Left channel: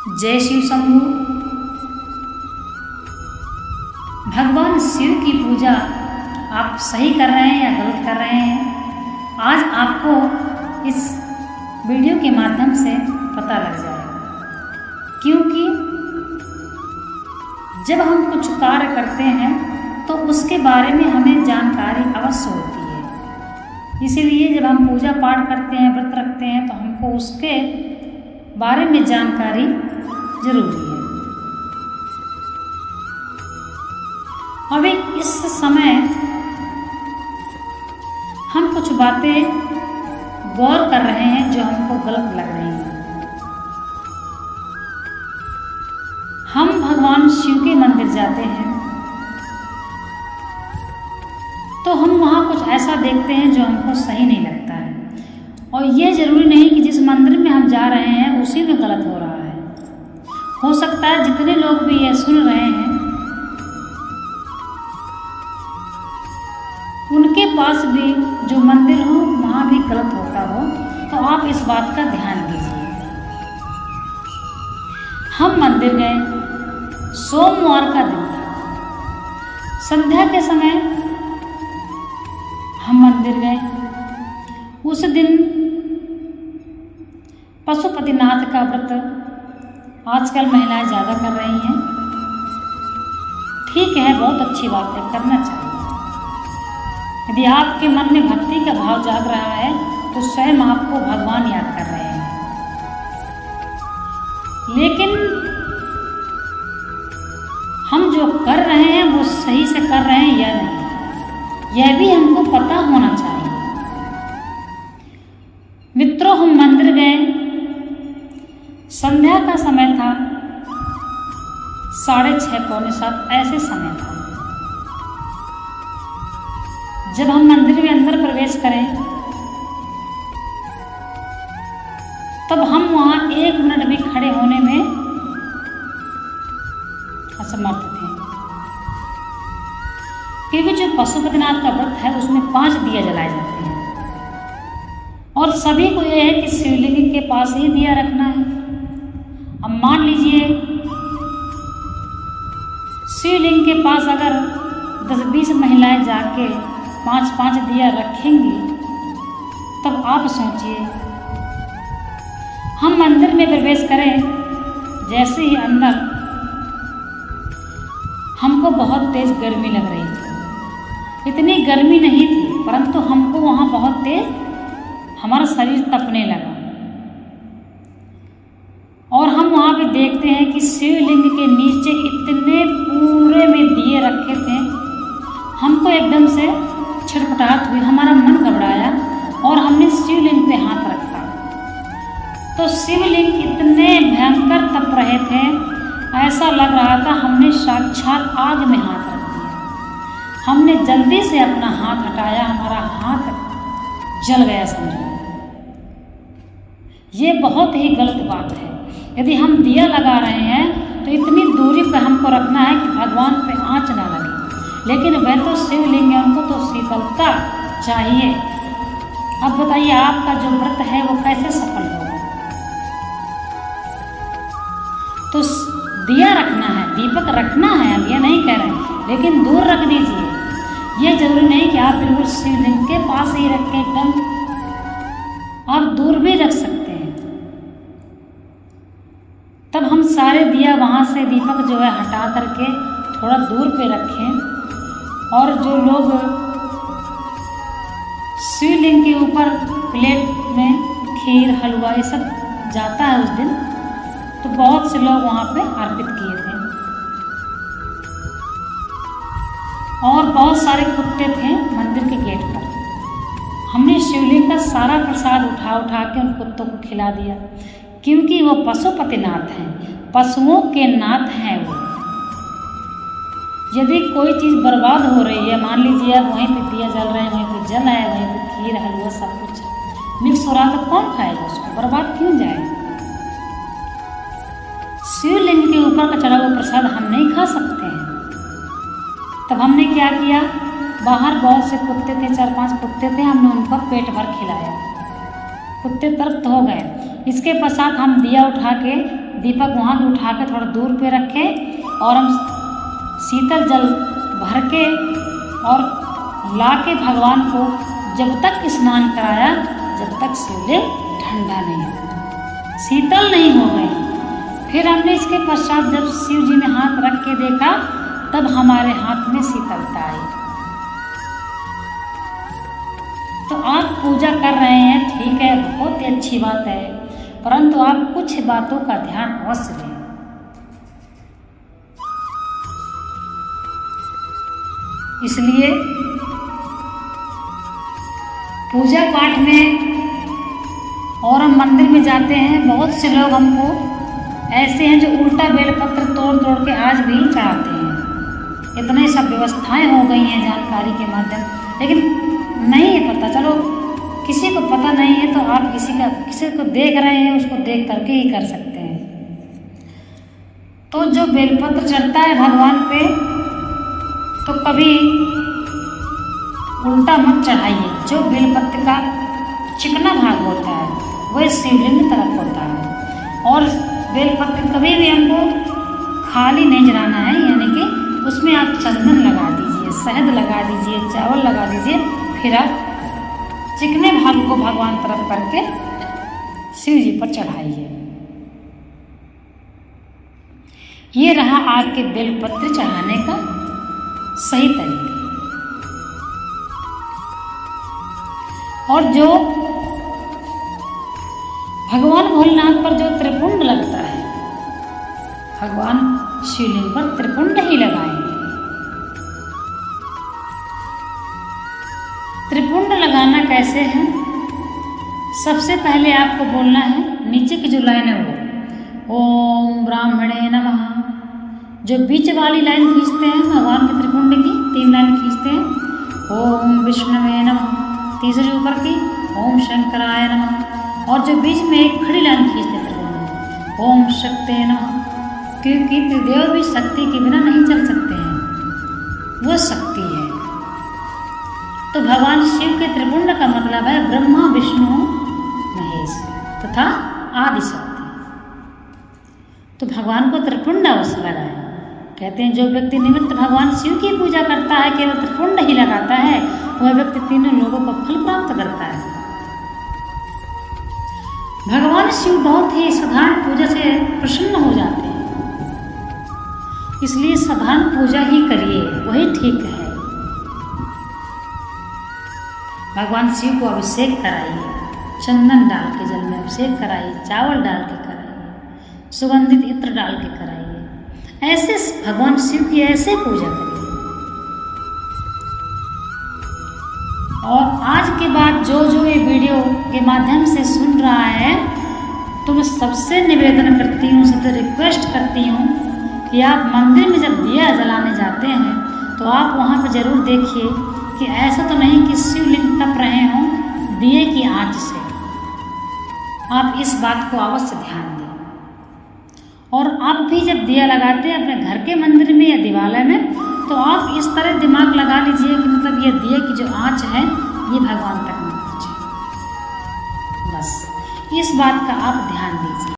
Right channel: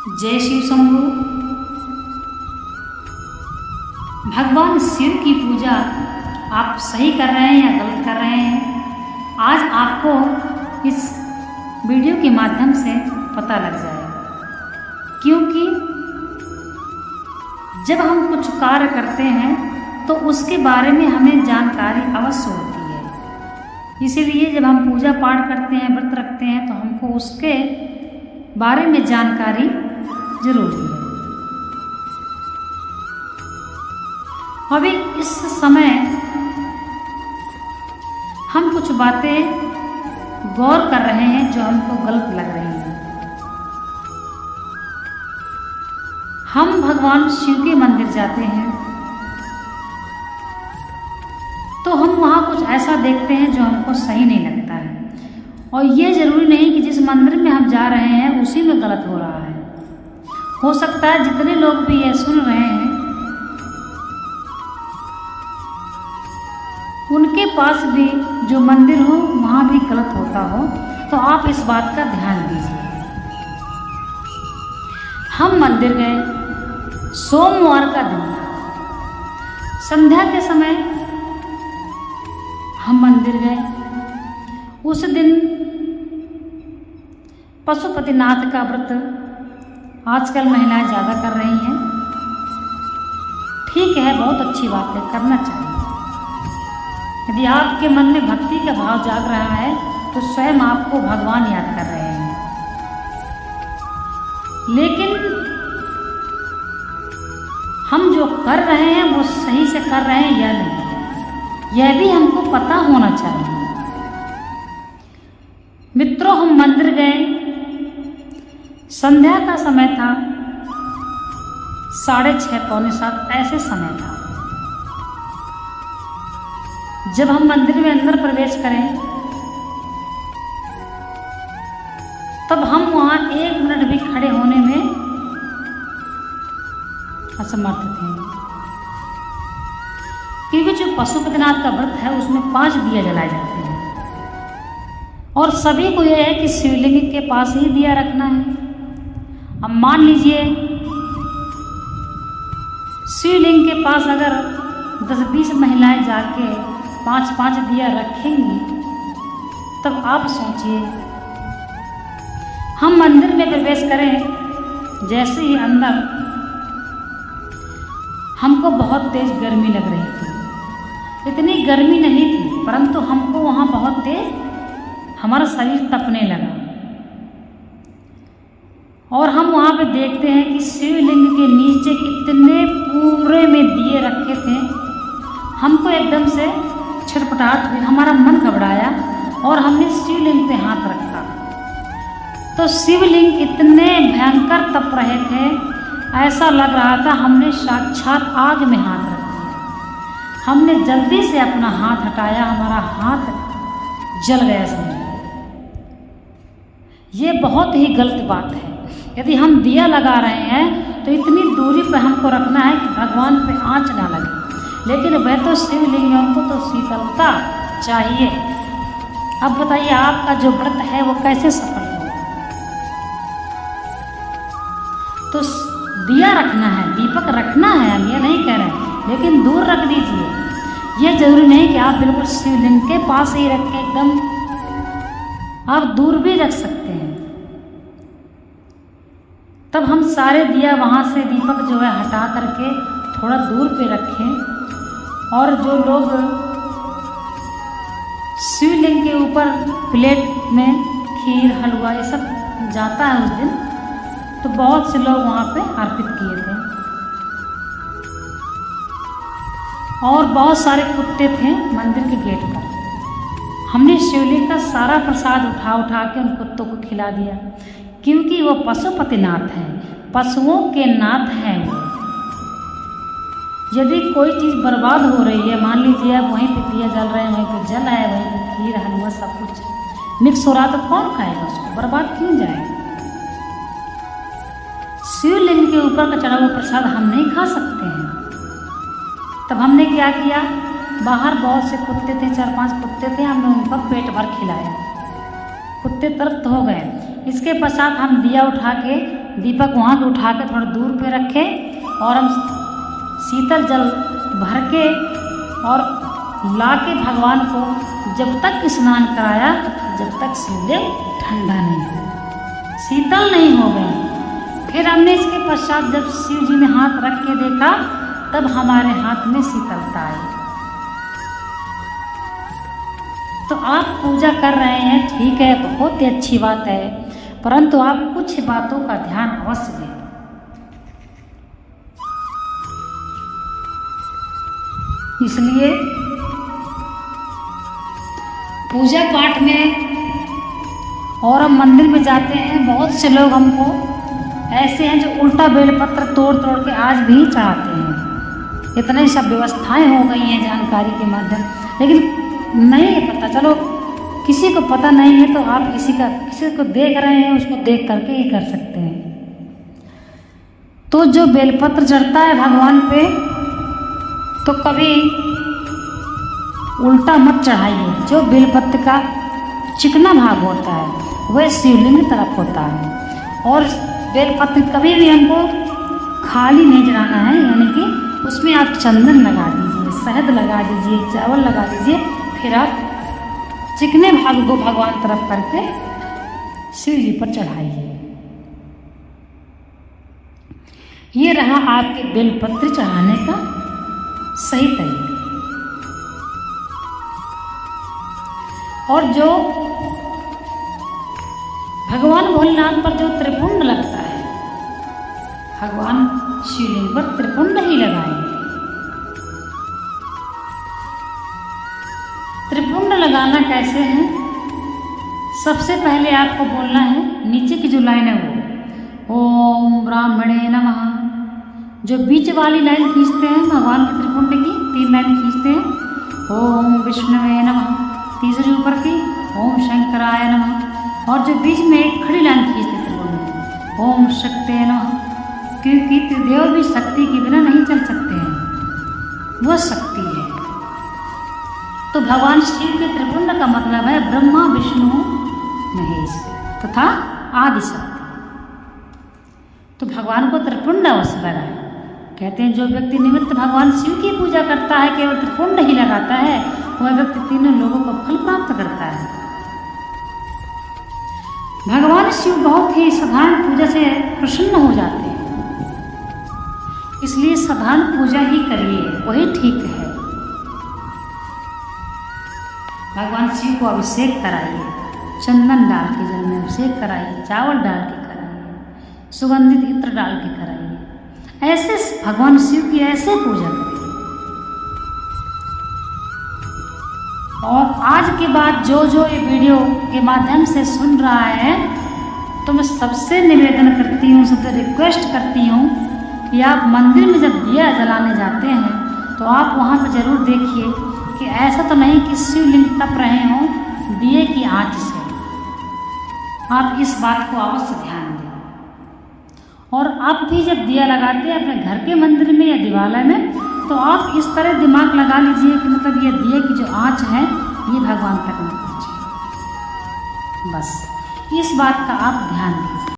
जय शिव शंभू। भगवान शिव की पूजा आप सही कर रहे हैं या गलत कर रहे हैं, आज आपको इस वीडियो के माध्यम से पता लग जाएगा। क्योंकि जब हम कुछ कार्य करते हैं तो उसके बारे में हमें जानकारी अवश्य होती है। इसीलिए जब हम पूजा पाठ करते हैं, व्रत रखते हैं, तो हमको उसके बारे में जानकारी जरूरी है। अभी इस समय हम कुछ बातें गौर कर रहे हैं जो हमको गलत लग रही हैं। हम भगवान शिव के मंदिर जाते हैं तो हम वहाँ कुछ ऐसा देखते हैं जो हमको सही नहीं लगता है, और ये जरूरी नहीं कि जिस मंदिर में हम जा रहे हैं उसी में गलत हो रहा है। हो सकता है जितने लोग भी ये सुन रहे हैं उनके पास भी जो मंदिर हो वहाँ भी गलत होता हो, तो आप इस बात का ध्यान दीजिए। हम मंदिर गए, सोमवार का दिन था, संध्या के समय हम मंदिर गए। उस दिन पशुपतिनाथ का व्रत आजकल महिलाएं ज़्यादा कर रही हैं। ठीक है, बहुत अच्छी बात है, करना चाहिए। यदि आपके मन में भक्ति का भाव जाग रहा है तो स्वयं आपको भगवान याद कर रहे हैं। लेकिन हम जो कर रहे हैं वो सही से कर रहे हैं या नहीं, यह भी हमको पता होना चाहिए। मित्रों, हम मंदिर गए, संध्या का समय था, 6:30 पौने 7 ऐसे समय था। जब हम मंदिर में अंदर प्रवेश करें तब हम वहां 1 मिनट भी खड़े होने में असमर्थ थे। क्योंकि जो पशुपतिनाथ का व्रत है उसमें 5 दिया जलाए जाते हैं, और सभी को यह है कि शिवलिंग के पास ही दिया रखना है। अब मान लीजिए शिवलिंग के पास अगर 10-20 महिलाएं जाके 5-5 दिया रखेंगी, तब आप सोचिए। हम मंदिर में प्रवेश करें, जैसे ही अंदर हमको बहुत तेज गर्मी लग रही थी। इतनी गर्मी नहीं थी, परंतु हमको वहाँ बहुत तेज हमारा शरीर तपने लगा। और हम वहाँ पे देखते हैं कि शिवलिंग के नीचे इतने पूरे में दिए रखे थे। हमको एकदम से छटपटाहट हुई, हमारा मन घबराया और हमने शिवलिंग पे हाथ रखा तो शिवलिंग इतने भयंकर तप रहे थे, ऐसा लग रहा था हमने साक्षात आग में हाथ रख दिया। हमने जल्दी से अपना हाथ हटाया, हमारा हाथ जल गया समझो। ये बहुत ही गलत बात है। यदि हम दिया लगा रहे हैं तो इतनी दूरी पर हमको रखना है कि भगवान पे आंच ना लगे। लेकिन वह तो शिवलिंग है, उनको तो शीतलता चाहिए। अब बताइए आपका जो व्रत है वो कैसे सफल होगा। तो दिया रखना है, दीपक रखना है, हम ये नहीं कह रहे, लेकिन दूर रख दीजिए। ये जरूरी नहीं कि आप बिल्कुल शिवलिंग के पास ही रखें, एकदम आप दूर भी रख सकते हैं। तब हम सारे दिया वहाँ से दीपक जो है हटा करके थोड़ा दूर पे रखें। और जो लोग शिवलिंग के ऊपर प्लेट में खीर हलवा ये सब जाता है उस दिन, तो बहुत से लोग वहाँ पे अर्पित किए थे। और बहुत सारे कुत्ते थे मंदिर के गेट पर। हमने शिवलिंग का सारा प्रसाद उठा उठा के उन कुत्तों को खिला दिया, क्योंकि वो पशुपतिनाथ हैं, पशुओं के नाथ हैं वो। यदि कोई चीज़ बर्बाद हो रही है, मान लीजिए आप वहीं पे दिया जल रहे हैं, वहीं पे जल आया, वहीं पे खीर हलवा सब कुछ मिक्स हो रहा, तो कौन खाएगा उसको, बर्बाद क्यों जाएगा। शिवलिंग के ऊपर का चढ़ा हुआ प्रसाद हम नहीं खा सकते हैं। तब हमने क्या किया, बाहर बहुत से कुत्ते थे, 4-5 कुत्ते थे, हमने उनका पेट भर खिलाया। कुत्ते तृप्त हो गए। इसके पश्चात हम दिया उठा के दीपक वहाँ पे उठा के थोड़ा दूर पे रखे और हम शीतल जल भर के और ला के भगवान को जब तक स्नान कराया जब तक शिवलिंग ठंडा नहीं हो, शीतल नहीं हो गई। फिर हमने इसके पश्चात जब शिव जी में हाथ रख के देखा तब हमारे हाथ में शीतलता आई। तो आप पूजा कर रहे हैं, ठीक है, बहुत ही अच्छी बात है, परंतु आप कुछ बातों का ध्यान अवश्य दें। इसलिए पूजा पाठ में और हम मंदिर में जाते हैं, बहुत से लोग हमको ऐसे हैं जो उल्टा बेलपत्र तोड़ तोड़ के आज भी चढ़ाते हैं। इतनी सब व्यवस्थाएं हो गई हैं जानकारी के माध्यम, लेकिन नहीं है पता। चलो किसी को पता नहीं है तो आप किसी को देख रहे हैं उसको देख करके ही कर सकते हैं। तो जो बेलपत्र चढ़ता है भगवान पे तो कभी उल्टा मत चढ़ाइए। जो बेलपत्र का चिकना भाग होता है वह शिवलिंग तरफ होता है, और बेलपत्र कभी भी हमको खाली नहीं चढ़ाना है, यानी कि उसमें आप चंदन लगा दीजिए, शहद लगा दीजिए, चावल लगा दीजिए, फिर आप चिकने भाग को भगवान तरफ करके शिव जी पर चढ़ाइए। ये रहा आपके बेलपत्र चढ़ाने का सही तरीका। और जो भगवान भोलेनाथ पर जो त्रिपुंड लगता है, भगवान शिवलिंग पर त्रिपुंड ही लगाएंगे। त्रिपुंड लगाना कैसे है? सबसे पहले आपको बोलना है, नीचे की जो लाइन है वो ओम ब्राह्मणे नमः, जो बीच वाली लाइन खींचते हैं भगवान के त्रिपुंड की, 3 लाइन खींचते हैं। ओम विष्णवे नमः, तीसरी ऊपर की ओम शंकराय नमः, और जो बीच में एक खड़ी लाइन खींचते हैं त्रिपुंड में ओम शक्ते नमः, क्योंकि त्रिदेव भी शक्ति के बिना नहीं चल सकते हैं, वह शक्ति है। तो भगवान शिव के त्रिपुंड का मतलब है ब्रह्मा विष्णु महेश तथा आदि शक्ति। तो भगवान को त्रिपुंड अवश्य लगा। कहते हैं जो व्यक्ति निमित्त भगवान शिव की पूजा करता है, केवल त्रिपुंड ही लगाता है, वह व्यक्ति तीनों लोगों को फल प्राप्त करता है। भगवान शिव बहुत ही साधारण पूजा से प्रसन्न हो जाते हैं, इसलिए साधारण पूजा ही करिए, वही ठीक है। भगवान शिव को अभिषेक कराइए, चंदन डाल के जल में अभिषेक कराइए, चावल डाल के कराइए, सुगंधित इत्र डाल के कराइए। ऐसे भगवान शिव की ऐसे पूजा करिए। और आज के बाद जो ये वीडियो के माध्यम से सुन रहा है, तो मैं सबसे निवेदन करती हूँ, सबसे रिक्वेस्ट करती हूँ कि आप मंदिर में जब दिया जलाने जाते हैं तो आप वहाँ पर ज़रूर देखिए कि ऐसा तो नहीं कि शिवलिंग तप रहे हों दिए की आंच से। आप इस बात को अवश्य ध्यान दें। और आप भी जब दिया लगाते हैं अपने घर के मंदिर में या दिवालय में, तो आप इस तरह दिमाग लगा लीजिए कि मतलब ये दिए की जो आंच है ये भगवान तक न पहुँचे। बस इस बात का आप ध्यान दीजिए।